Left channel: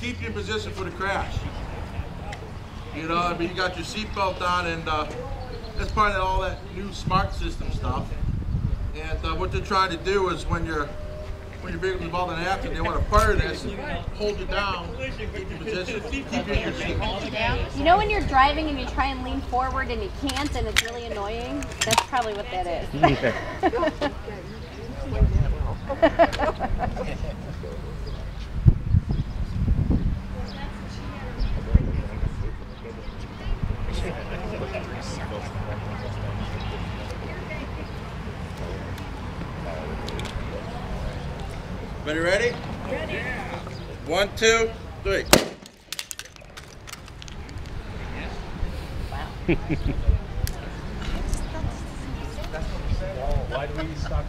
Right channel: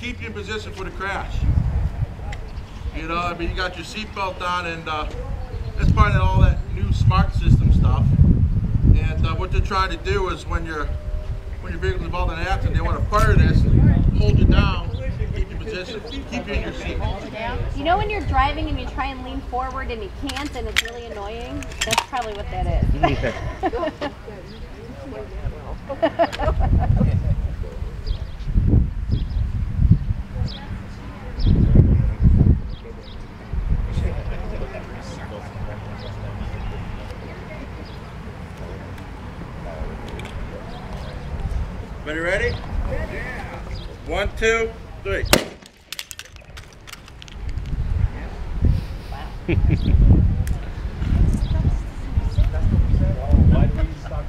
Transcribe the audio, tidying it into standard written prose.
keep you in position for the crash. You know, I mean, you got your seatbelt on, and that's part of all that new smart system stuff. And what they're trying to do is when your vehicle's involved in an accident, they want to fire this, hold you down, keep you in position, keep you in your seat. You know when you're driving and you try and lean forward and you can't, and it's really annoying? That's probably what that is. Everybody ready? Yeah. 1, 2, 3. Why do we stop?